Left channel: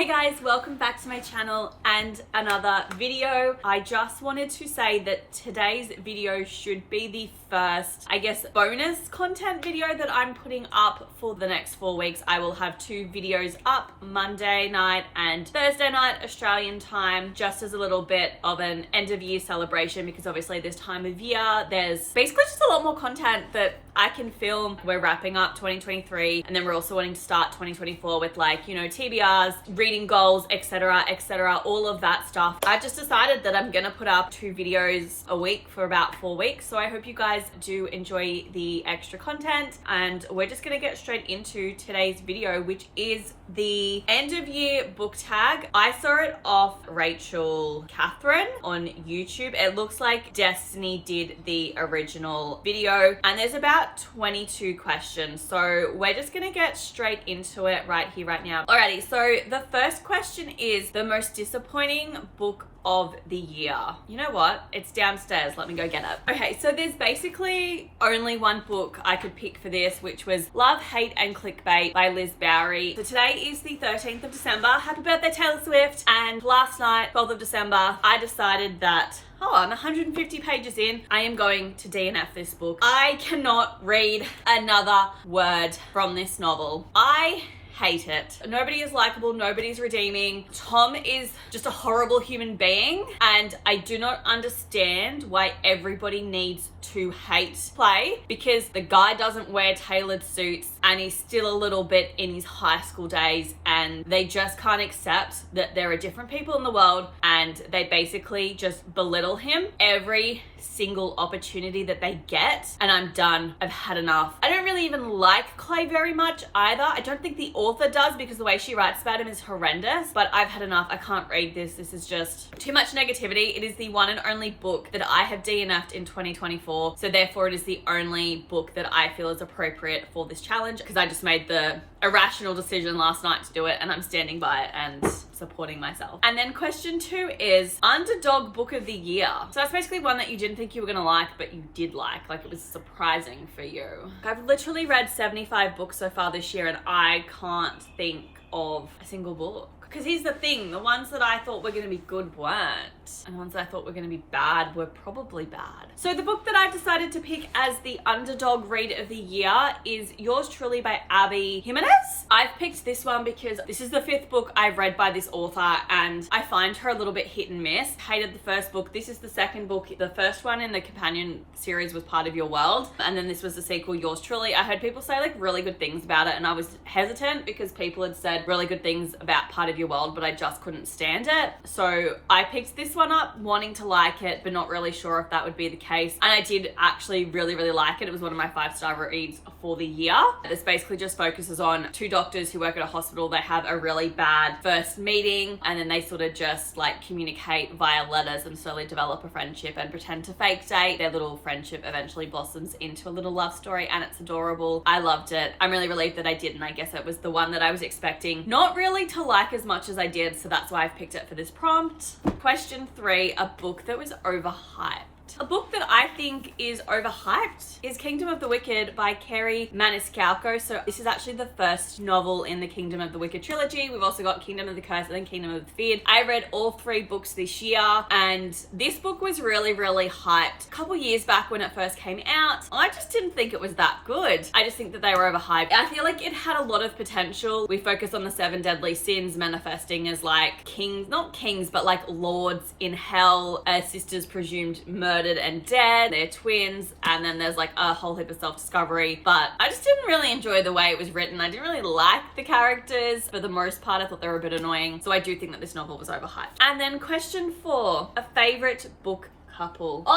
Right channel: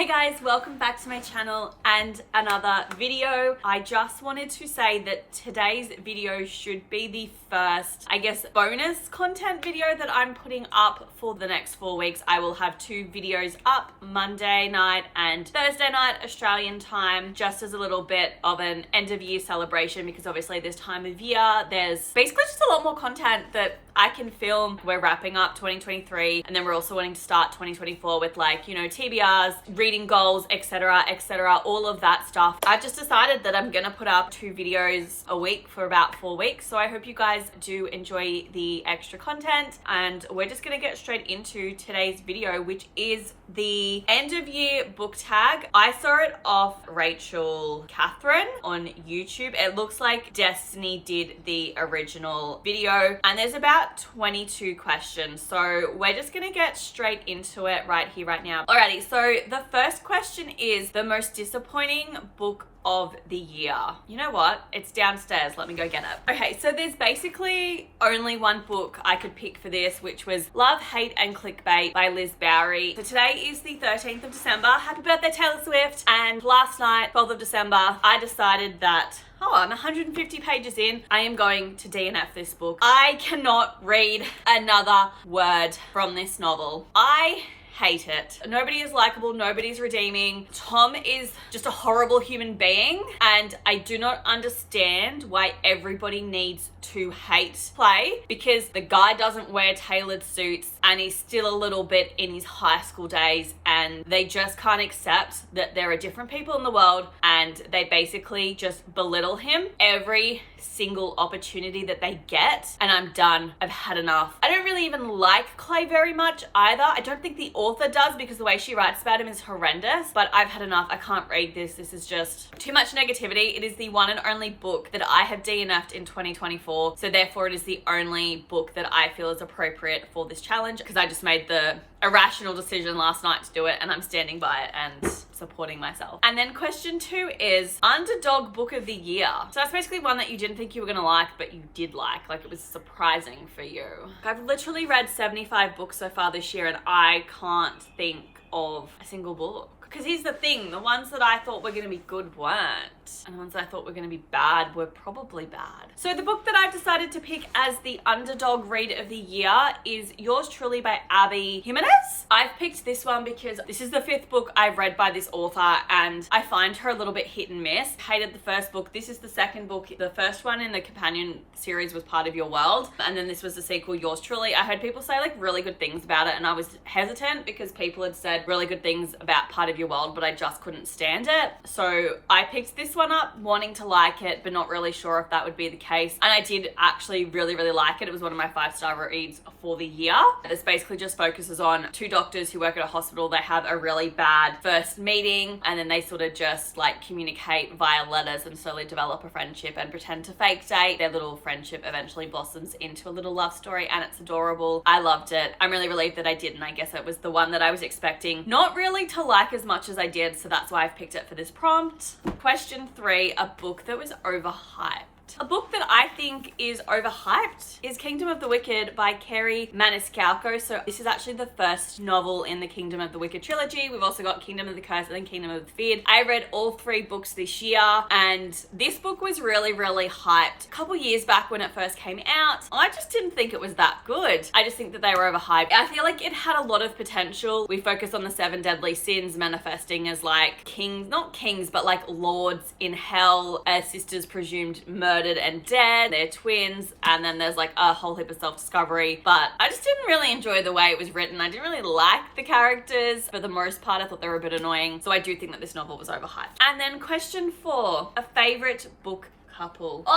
Hey guys, welcome back to my channel and another video. I just wanted to say that today's video should be the first, I guess, bonus content video that I'm putting up for the next 4 weeks. I will have 2 videos up, Monday night and Thursday night Australian time, just as a little bit of an end of year celebration, because obviously this time of year there's basically just a lot more content that I can film. We're wrapping up 2023 and then we're also wanting to start 2024 with, like, you know, TBRs, reading goals, etc, all of that stuff. I've just decided that I'm gonna put up 2 videos a week for about 4 weeks, so I hope you guys do enjoy the extra content, and we're just gonna get straight into today's video, which is the end of year book tag. I saw it off Rachel Catherine on YouTube. It looks like Destiny did the original video, and there's about 22 questions, so we're just gonna get straight into it right here, right now. Alrighty, so the first question is the most disappointing book of the year. You know what? It's downstairs. Let me go get it. Okay, so there's basically only one book I could pick for this, which was Love, Hate and Clickbait by Liz Bowery. So today is the 13th of December. Happy birthday, Taylor Swift. And last night, 12th of December, I decided that, oh, I'm 150 pages in, I am going to DNF this book. I cannot read another word from this novel. I hate it. Nobody is likable, nobody's redeeming. Tom is just a horrible human being, and I do not understand why everybody needs to hate play, because the guy doesn't wear tailored suits and he's still a little bit in his high school days, and they just can't accept that there are different people in the world, and they basically just belittle him every single opportunity that they get, and I'm done. I've had enough. I don't really even like Clay very much either. I don't think the author does, because the way she writes about him is horrendous, but I've had enough. I can't read this. This is just too much negativity. It is the one and only book that I have DNF'd in 2024, so therefore it is the only book that I feel is appropriate for this challenge, because I just made the irrational decision last night to do it, and I'm standing by it and supporting myself. And then question 2 is Underdog Book of the Year. So that's basically one that you didn't think you were gonna like, but you did like it was surprising for you. I've literally read 75 books so far this year, and I can't think of a single book. Because here's the thing, the ones that I thought were going to be good weren't, and the ones that I thought were going to be bad were probably bad. So the book that I've decided to pick as the Underdog Read of the Year is Yours Truly by Abby Jimenez. I've picked this one because this is the 5th book I've read by this author, and I find her a little bit hit and miss. Hated the first book. This is the 2nd book. The first one in the companion series was Part of Your World, and then this was the sequel, Yours Truly. I heard people say like really good things about it, and I was hesitant because people had said really good things about Part of Your World, but I just couldn't stand it. So I picked this one up wanting to like it, but not really sure if that would be the case. And I did actually really like it. It was one of my 5-star reads for the year. This basically just focuses on 2 doctors who work at a hospital. They have a really bad first meeting, and then they sort of just like communicate via letters and slowly develop a friendship and pretend to fake date. Their little friendship eventually blossoms into a little love story, and it's adorable. I loved it. I'm really relieved that I did, and I guess it was the one that I was expecting not really to like as much as I did, so that's why I've picked it for this prompt. Question 3, a book that was overhyped. A book that I think is overhyped is Kingdom of the Wicked by Kerry Maniscalco. So this is actually the first novel in the Kingdom of the Wicked trilogy. We've also got Kingdom of the Curse and then Kingdom of the Feared. I read all 3 books this year, and this book was really hyped. A couple years back when it first came out, I just didn't think it was that good. I just think that they were overhyped. I feel like it had a lot of potential. We focus on the 7 deadly sins manifesting as like kings, not kings, but like lords in hell. Sisters presumed murdered and dead, they're twins, and then there's like a whole heap of self-discovery. But I just didn't really enjoy the way it was written. I didn't really like the characters for the most part. I thought they were a bit annoying, so I do think that this novel was overhyped. And then question 4, a favorite book couple. Oh,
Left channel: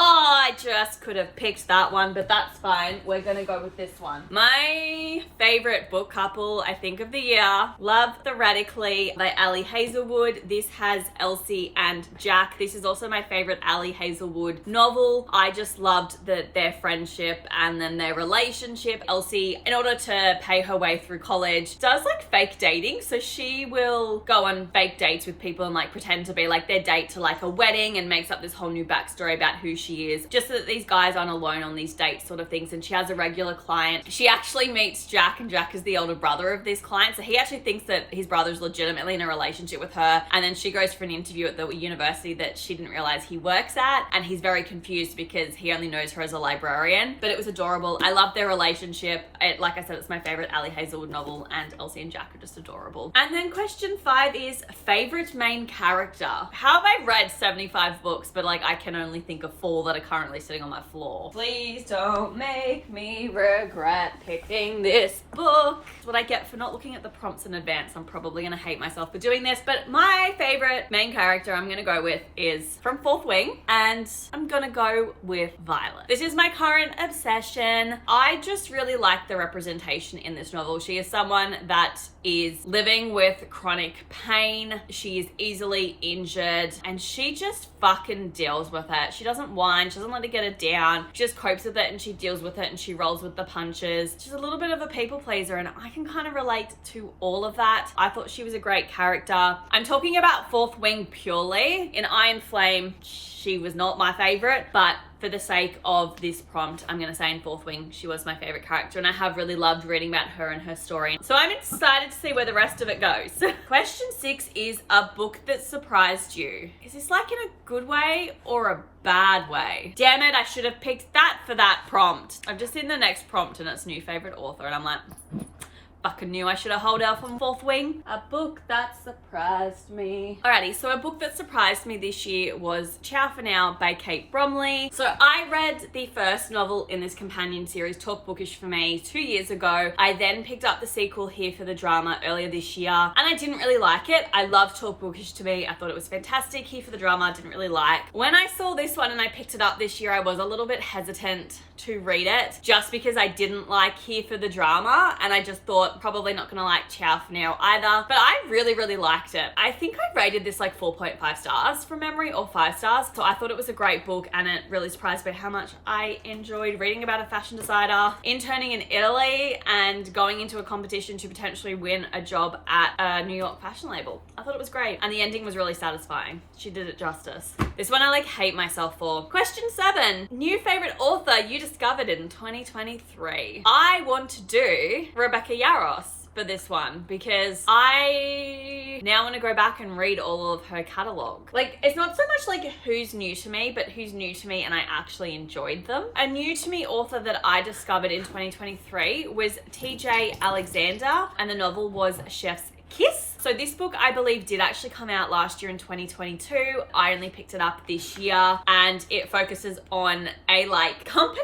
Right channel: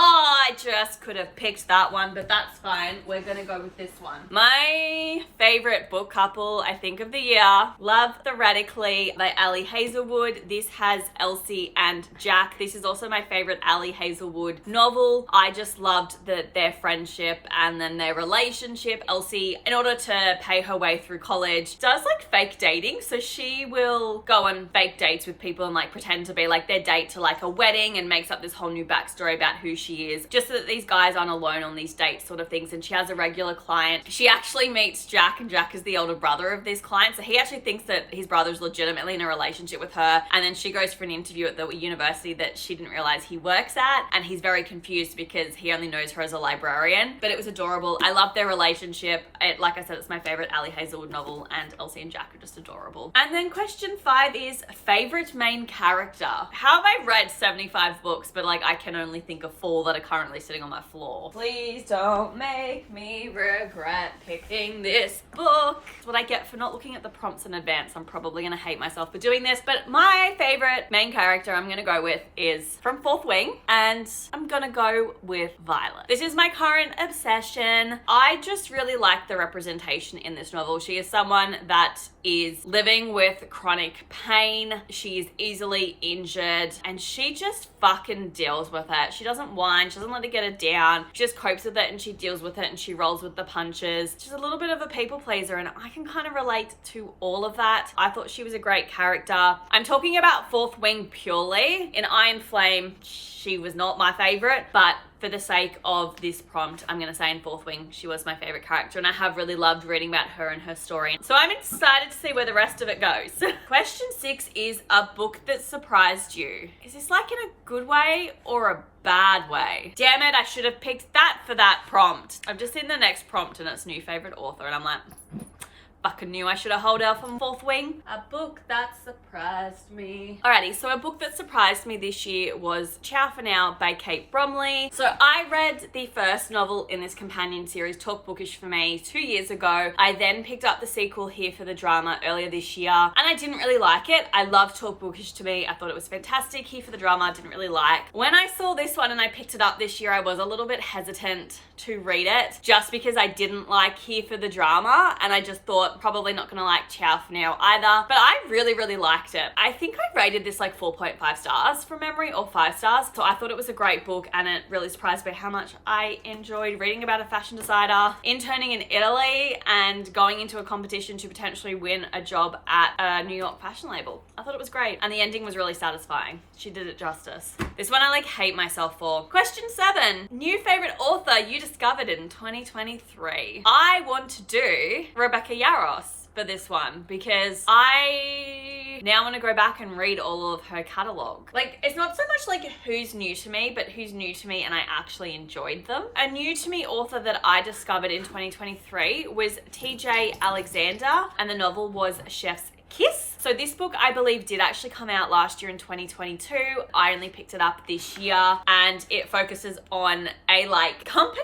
I just could have picked that one, but that's fine. We're gonna go with this one. My favorite book couple, I think, of the year, Love the Radically by Ali Hazelwood. This has Elsie and Jack. This is also my favorite Ali Hazelwood novel. I just loved their friendship and then their relationship. Elsie, in order to pay her way through college, does like fake dating. So she will go on fake dates with people and like pretend to be like their date to like a wedding, and makes up this whole new backstory story about who she is, just so that these guys aren't alone on these dates sort of things. And she has a regular client. She actually meets Jack, and Jack is the older brother of this client, so he actually thinks that his brother's legitimately in a relationship with her. And then she goes for an interview at the university that she didn't realize he works at, and he's very confused because he only knows her as a librarian. But it was adorable. I love their relationship. Like I said, it's my favorite Ali Hazelwood novel, and Elsie and Jack are just adorable. And then question 5 is favorite main character. How have I read 75 books, but like I can only think of 4 that are currently sitting on my floor? Please don't make me regret picking this book. That's what I get for not looking at the prompts in advance. I'm probably gonna hate myself for doing this, but my favorite main character I'm gonna go with is from Fourth Wing, and I'm gonna go with Violet. This is my current obsession. I just really like the representation in this novel. She is someone that is living with chronic pain. She is easily injured, and she just fucking deals with it. She doesn't whine, she doesn't let it get her down. She just copes with it, and she deals with it, and she rolls with the punches. She's a little bit of a people pleaser, and I can kind of relate to all of that. I thought she was a great character. I'm talking about Fourth Wing purely. In Iron Flame, she was not my favorite, but for the sake of this prompt, I'm gonna say in Fourth Wing, she was my favorite character, and I have really loved reading about her and her story. So I'm excited to see where the rest of it goes. Question 6 is a book that surprised you. Is this like in a good way or a bad way? Damn it, I should have picked that for that prompt. I've just seen the next prompt and it's new favorite author, and I'm like, fucking knew I should have held out from Fourth Wing. A book that surprised me. Alrighty, so a book that surprised me this year was Ciao for Now by Kate Bromley. So I read the first novel in this companion series, Talk Bookish for Me, 2 years ago. I then picked up the sequel, Here for the Drama, earlier this year, and I didn't really like it. I loved Talk Bookish to Me. I thought it was fantastic. Here for the Drama, I didn't really like. When I saw this one and I picked it up this year, I was a little bit hesitant to read it, just because I didn't like Here for the Drama, and I just thought probably not gonna like Ciao for Now either. But I really liked it. I think I rated this like 4.5 stars from memory, or 5 stars. So I thought it was a great book, and it really surprised me how much I enjoyed reading about a fashion designer interning in Italy and going into a competition to potentially win a job at a New York fashion label. I thought it was great, and the ending was really satisfying. She did it justice. This one I like hate myself for. Question 7, new favorite author you discovered in 2023. I want to do Rebecca Yarros for this one, because I now want to go back and read all of her catalogue. Like, it's not so much like who's new to me, but who's new to me and I actually enjoyed them. A new to me author that I discovered in 2023 was TJ Alexander, and the novel was Chef's Kiss. So this book, I believe, did actually come out last year in 2022. I only picked it up this year, and it focuses on a like company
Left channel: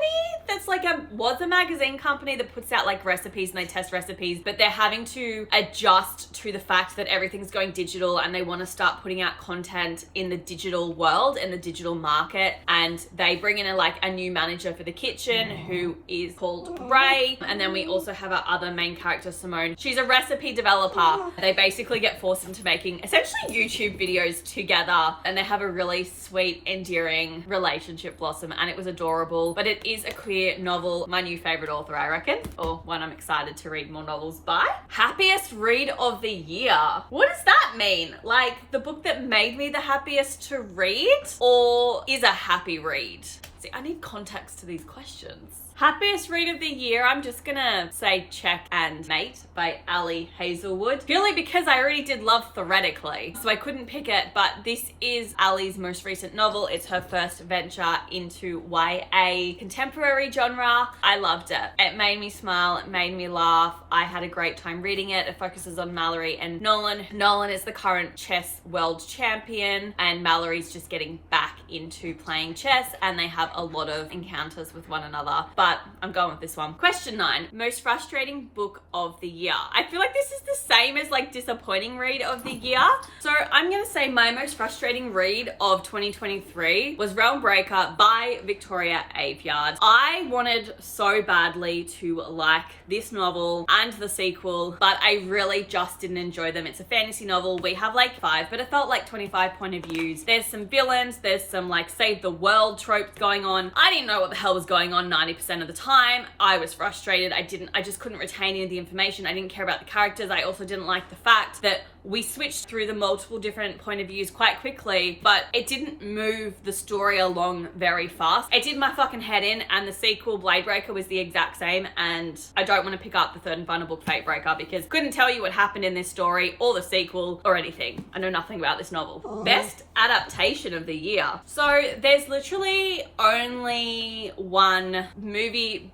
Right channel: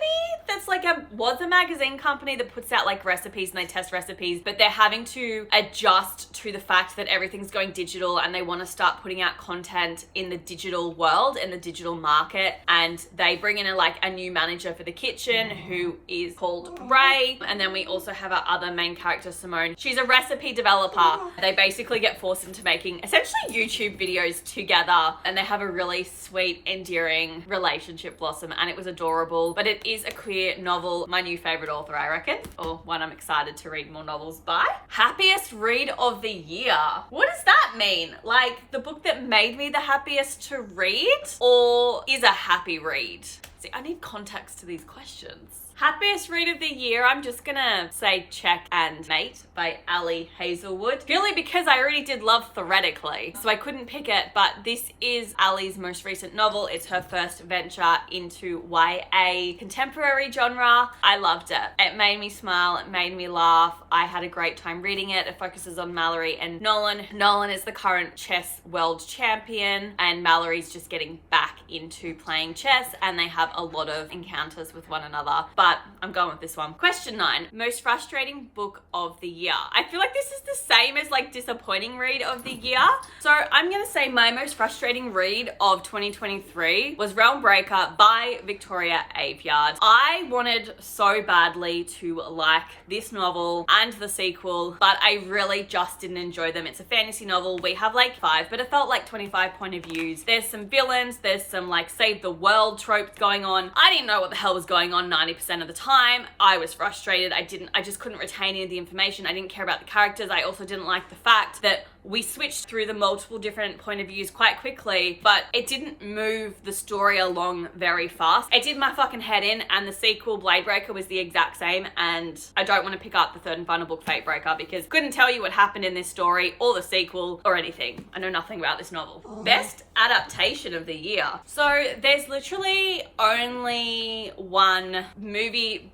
that's like was a magazine company that puts out like recipes, and they test recipes, but they're having to adjust to the fact that everything's going digital, and they want to start putting out content in the digital world, in the digital market. And they bring in a new manager for the kitchen who is called Ray. And then we also have our other main character, Simone. She's a recipe developer. They basically get forced into making essentially YouTube videos together, and they have a really sweet, endearing relationship blossom, and it was adorable. But it is a queer novel. My new favorite author, I reckon, or one I'm excited to read more novels by. Happiest read of the year. What does that mean? Like, the book that made me the happiest to read, or is a happy read? See, I need context to these questions. Happiest read of the year, I'm just gonna say Check and Mate by Ali Hazelwood, purely because I already did love Theoretically, so I couldn't pick it. But this is Ali's most recent novel. It's her first venture into YA contemporary genre. I loved it. It made me smile, it made me laugh. I had a great time reading it. It focuses on Mallory and Nolan. Nolan is the current chess world champion, and Mallory's just getting back into playing chess, and they have a lot of encounters with one another. But I'm going with this one. Question 9, most frustrating book of the year. I feel like this is the same as like disappointing read of the year. So I'm gonna say my most frustrating read of 2023 was Realm Breaker by Victoria Aveyard. I wanted so badly to like this novel and the sequel, but I really just didn't enjoy them. It's a fantasy novel. We have like 5, but it felt like 25 point of views. There's some villains, there's some like save the world tropes going on. I didn't know what the hell was going on 90% of the time. I was frustrated. I just couldn't retain any of the information. I didn't care about the characters. I also didn't like the fact that we switched through the multiple different point of views quite quickly, but it didn't move the story along very fast. It did my fucking head in, and the sequel, Blade Breaker, was the exact same, and I don't want to pick up the third and final book, Fate Breaker, because couldn't tell you what happened in this story, or the sequel, or anything. I know nothing about this novel. Best adaptation of the year. So there's literally only one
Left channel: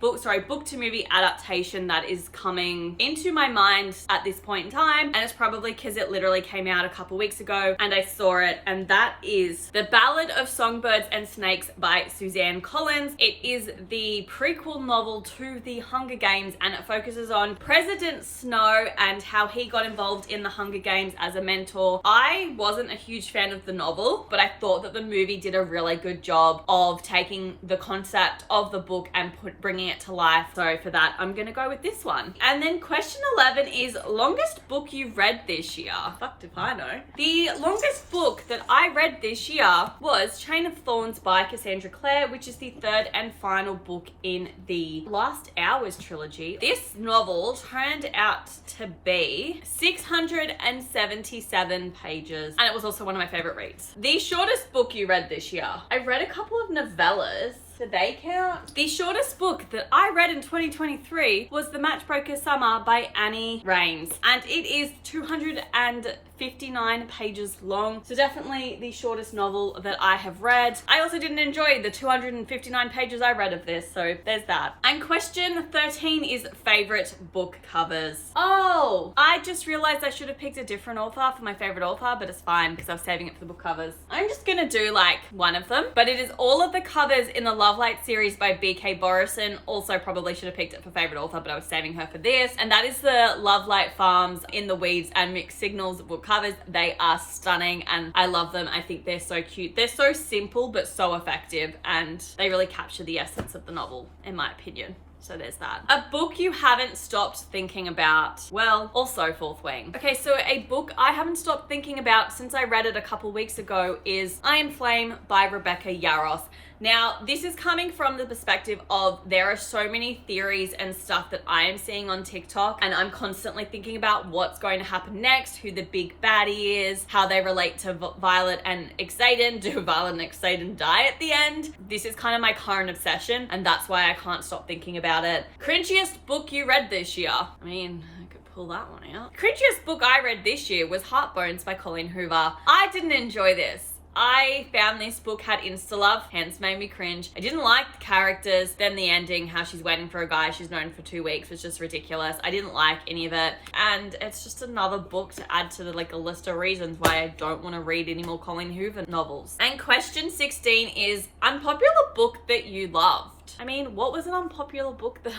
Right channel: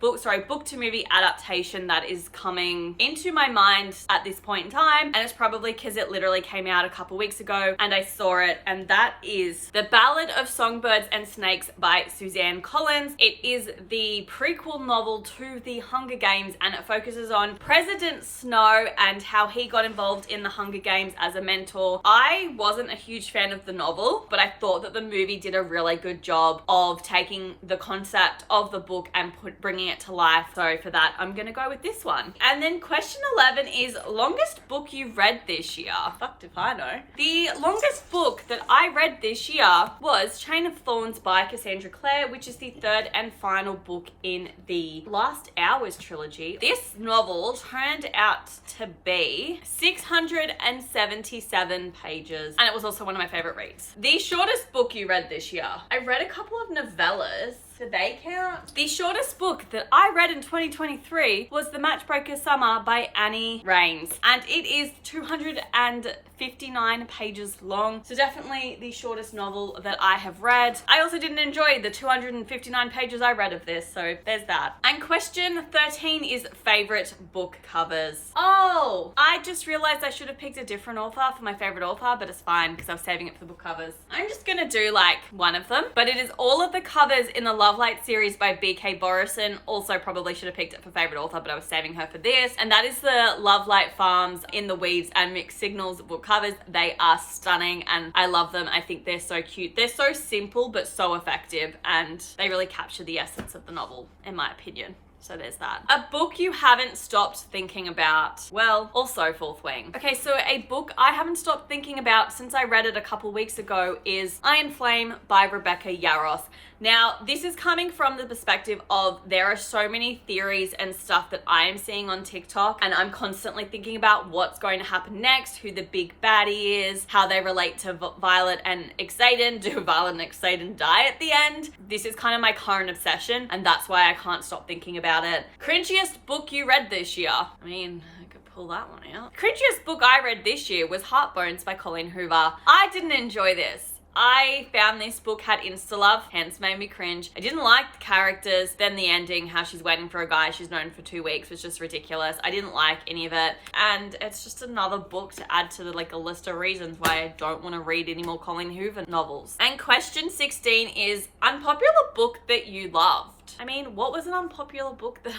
book to movie adaptation that is coming into my mind at this point in time, and it's probably because it literally came out a couple weeks ago and I saw it, and that is The Ballad of Songbirds and Snakes by Suzanne Collins. It is the prequel novel to The Hunger Games, and it focuses on President Snow and how he got involved in the Hunger Games as a mentor. I wasn't a huge fan of the novel, but I thought that the movie did a really good job of taking the concept of the book and bringing it to life. So for that, I'm gonna go with this one. And then question 11 is longest book you've read this year. Fucked if I know. The longest book that I read this year was Chain of Thorns by Cassandra Clare, which is the third and final book in the Last Hours trilogy. This novel turned out to be 677 pages, and it was also one of my favorite reads. The shortest book you read this year. I read a couple of novellas. Do they count? The shortest book that I read in 2023 was The Matchbreaker Summer by Annie Raines, and it is 259 pages long. So definitely the shortest novel that I have read. I also didn't enjoy the 259 pages I read of this, so there's that. And question 13 is favorite book covers. Oh, I just realized I should have picked a different author for my favorite author, but it's fine because I was saving it for the book covers. I'm just gonna do like one of them, but it is all of the covers in the Love Light series by B.K. Borison. Also probably should have picked it for favorite author, but I was saving her for this. And that is the Love Light Farms, In the Weeds, and Mixed Signals book covers. They are stunning and I love them. I think they're so cute. They're so simple but so effective, and they really capture the essence of the novel, in my opinion. So there's that. A book you haven't stopped thinking about. Well, also Fourth Wing. Okay, so a book I haven't stopped thinking about since I read it a couple weeks ago is Iron Flame by Rebecca Yarros. Now, this is coming from the perspective of there are so many theories and stuff that I am seeing on TikTok, and I'm constantly thinking about what's going to happen next, who the big baddie is, how they relate to Violet and Xaden. Do Violet and Xaden die at the end? This is kind of my current obsession, and that's why I can't stop thinking about it. Cringiest book you read this year? I mean, I could pull that one out. Cringiest book I read this year was Heartbones by Colleen Hoover. I didn't enjoy this. I found this book had insta-love, hence made me cringe. I didn't like the characters, then the ending, how she's waiting for a guy she's known for 2 weeks was just ridiculous. I didn't like any of it, and it's just another book to add to like a list of reasons why I don't want to read any more Colleen Hoover novels. And question 16 is unpopular book that you loved. I mean, what was an unpopular book that...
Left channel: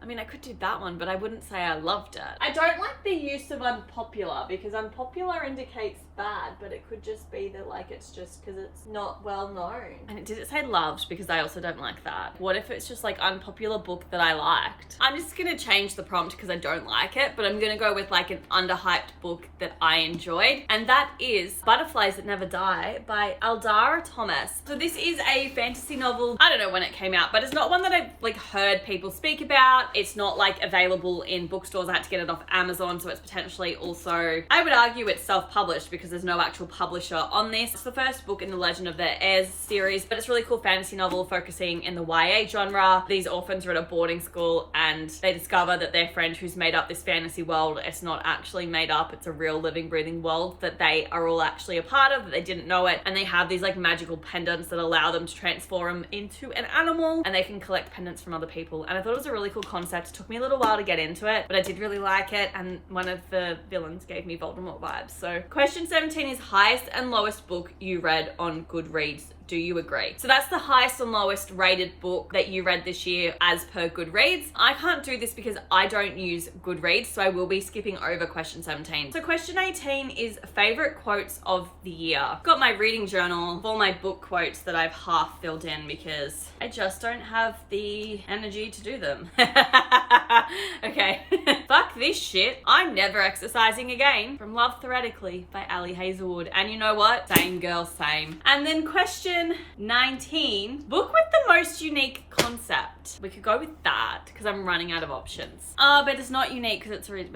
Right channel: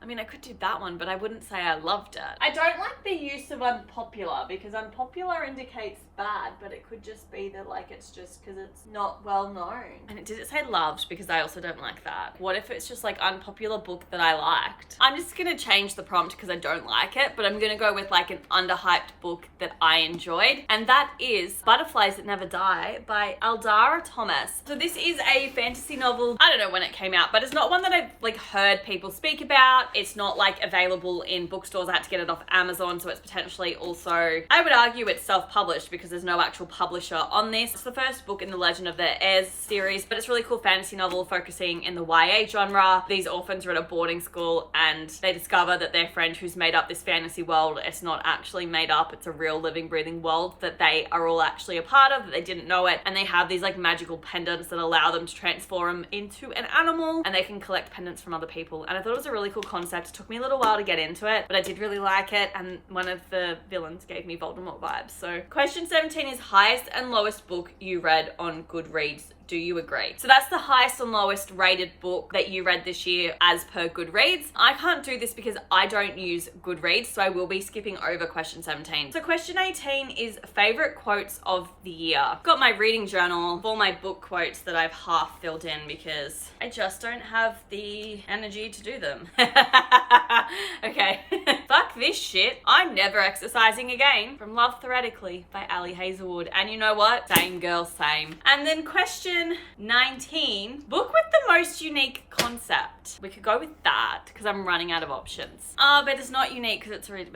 I mean, I could do that one, but I wouldn't say I loved it. I don't like the use of unpopular because unpopular indicates bad, but it could just be that like it's just because it's not well known. And did it say loved? Because I also don't like that. What if it's just like unpopular book that I liked? I'm just gonna change the prompt because I don't like it, but I'm gonna go with like an underhyped book that I enjoyed, and that is Butterflies That Never Die by Aldara Thomas. So this is a fantasy novel. I don't know when it came out, but it's not one that I've like heard people speak about. It's not like available in bookstores. I had to get it off Amazon, so it's potentially also, I would argue it's self-published because there's no actual publisher on this. It's the first book in the Legend of the Heirs series, but it's a really cool fantasy novel focusing in the YA genre. These orphans are at a boarding school and they discover that their friend who's made up this fantasy world, it's not actually made up, it's a real living, breathing world that they are all actually a part of, that they didn't know it, and they have these like magical pendants that allow them to transform into an animal, and they can collect pendants from other people. And I thought it was a really cool concept. It took me a little while to get into it, but I did really like it, and one of the villains gave me Voldemort vibes. So question 17 is highest and lowest book you read on Goodreads. Do you agree? So that's the highest and lowest rated book that you read this year as per Goodreads. I can't do this because I don't use Goodreads, so I will be skipping over question 17. So question 18 is favorite quotes of the year. I've got my reading journal of all my book quotes that I've half filled in because I just don't have the energy to do them. Okay. Fuck this shit. I'm never exercising again. From Love Theoretically by Ali Hazelwood. And you know what? Same girl, same. And then question Question 19. Book with the most unique concept. We could go with that because I'm running out of options. But it's not unique because it's really...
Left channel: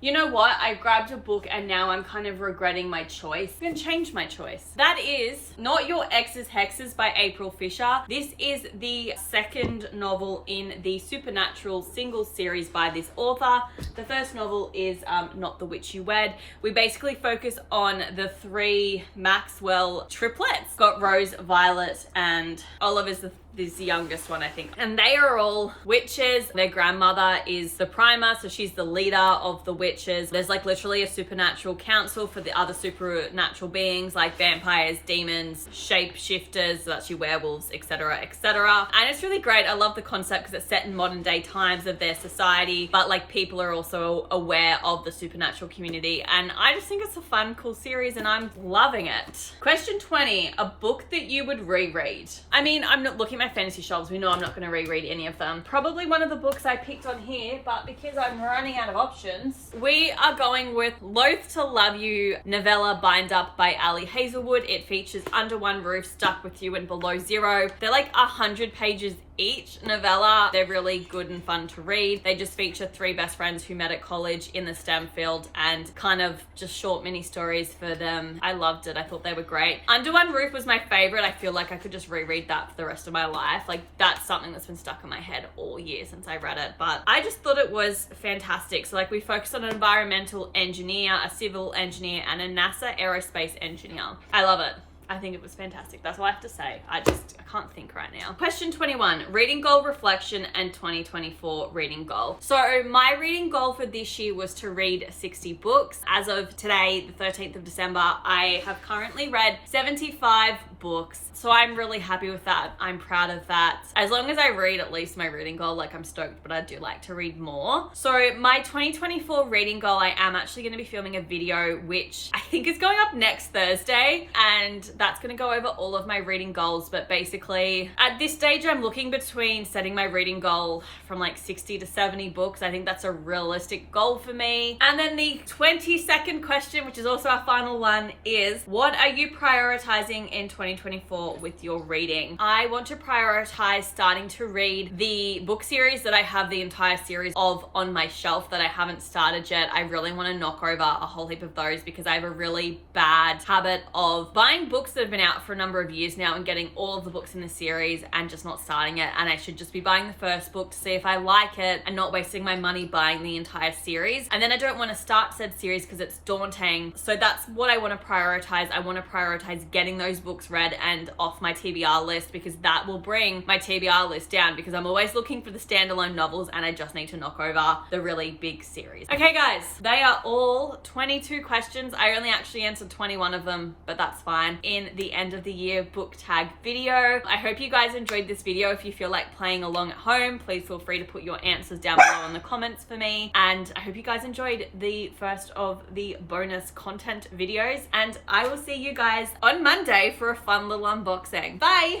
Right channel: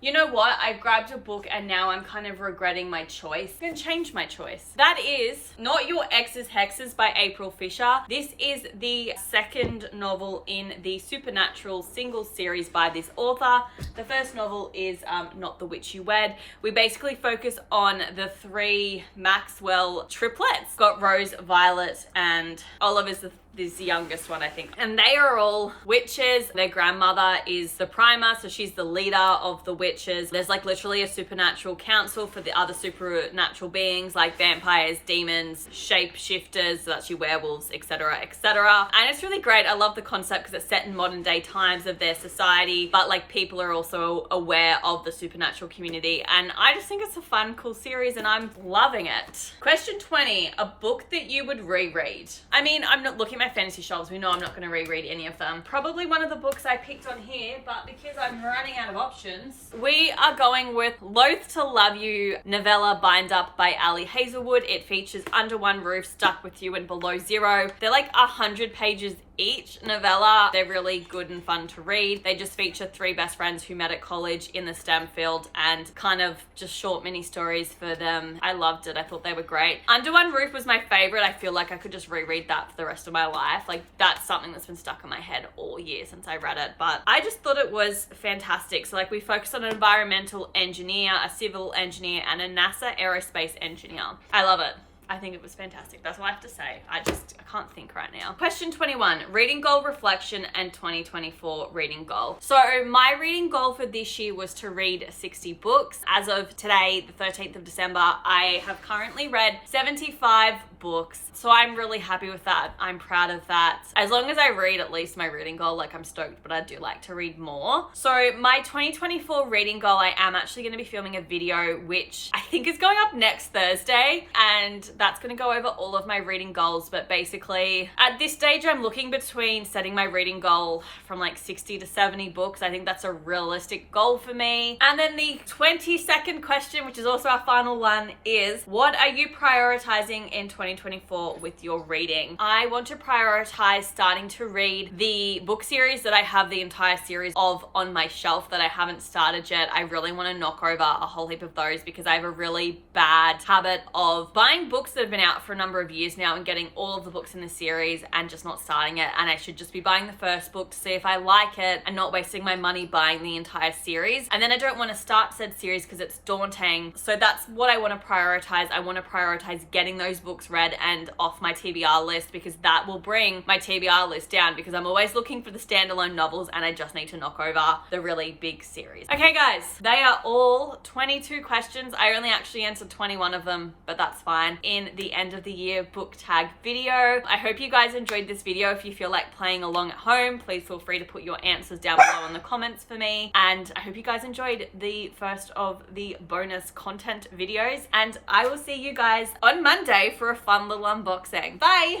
You know what? I grabbed a book and now I'm kind of regretting my choice. I'm going to change my choice. That is Not Your Ex's Hexes by April Fisher. This is the second novel in the Supernatural single series by this author. The first novel is Not the Witch You Wed. We basically focus on the three Maxwell triplets. Got Rose, Violet, and Oliver's the youngest one, I think. And they are all witches. Their grandmother is the primer, so she's the leader of the witches. There's like literally a supernatural council for the other supernatural beings like vampires, demons, shapeshifters, so actually werewolves, etc., etc. And it's really great. I love the concept because it's set in modern day times of their society, but like people are also aware of the supernatural community. And I just think it's a fun, cool series and I'm loving it. Question 20, a book that you would reread. I mean, I'm not looking at my fantasy shelves. We know I'm not going to reread any of them. Probably one of the books I picked on here, but because I'm running out of options, we are going with Loath to Love You novella bind up by Ali Hazelwood. It features Under One Roof, Stuck With You, and Below Zero. They're like 100 pages each novella. They're really good and fun to read. They just feature three best friends who met at college in the STEM field and kind of just short mini stories for them. I loved it. I thought they were great. Under One Roof was my favorite. I feel like I could just reread that for the rest of my life. Like that's something that's been stuck in my head all year since I read it, but I just thought it was fantastic. So like we focused on an environmental engineer, a civil engineer, and a NASA aerospace engineer. I love it. I think it was fantastic. That's all I have to say. I can't think right now. Question 21, reading goal, reflection, and 2024 reading goal. So my reading goal for this year was to read 60 books. As of today, the 13th of December, I have currently read 75 books. So I'm really happy with that. I'm proud of that. As long as I read at least my reading goal, like I'm stoked, but I do like to read more. So my 2024 reading goal, I am actually going to be filming a video, which I think is going up next Thursday. And that's going to go over all of my reading goals. But basically at this stage, I'm looking between setting my reading goal from like 60 to 70 books. I think that's a realistic goal for me. And then the 22nd question, which is also our final one, is what are you prioritizing in 2024 with your reading? I want to prioritize starting to read the book series that I have the entire series of on my shelf that I haven't started yet. I really want to knock over a whole heap of those because I have a really bad habit of buying books that have been out for a number of years now and getting all of the books in the series and just not starting it. And I should just be buying the first book to see if I like it and not wasting my money buying the entire series. And then I don't want to start said series because it's daunting. So that's what I want to prioritize. I want to prioritize getting those books read and off my TBR list because that will bring my TBR list down because I'm always looking for the standalone novels and I just need to knock over the really big series. Okay guys, they are all 22 questions. I only actually answered 21 of them, but that's fine. In the end of the year book tag video. I hope you guys enjoyed this video. If you feel like playing along at home, please feel free to put your answers down below in the comments for me. And I hope you guys enjoyed the first of the bonus content videos and I will see you guys on Monday for a fun little unboxing. Bye!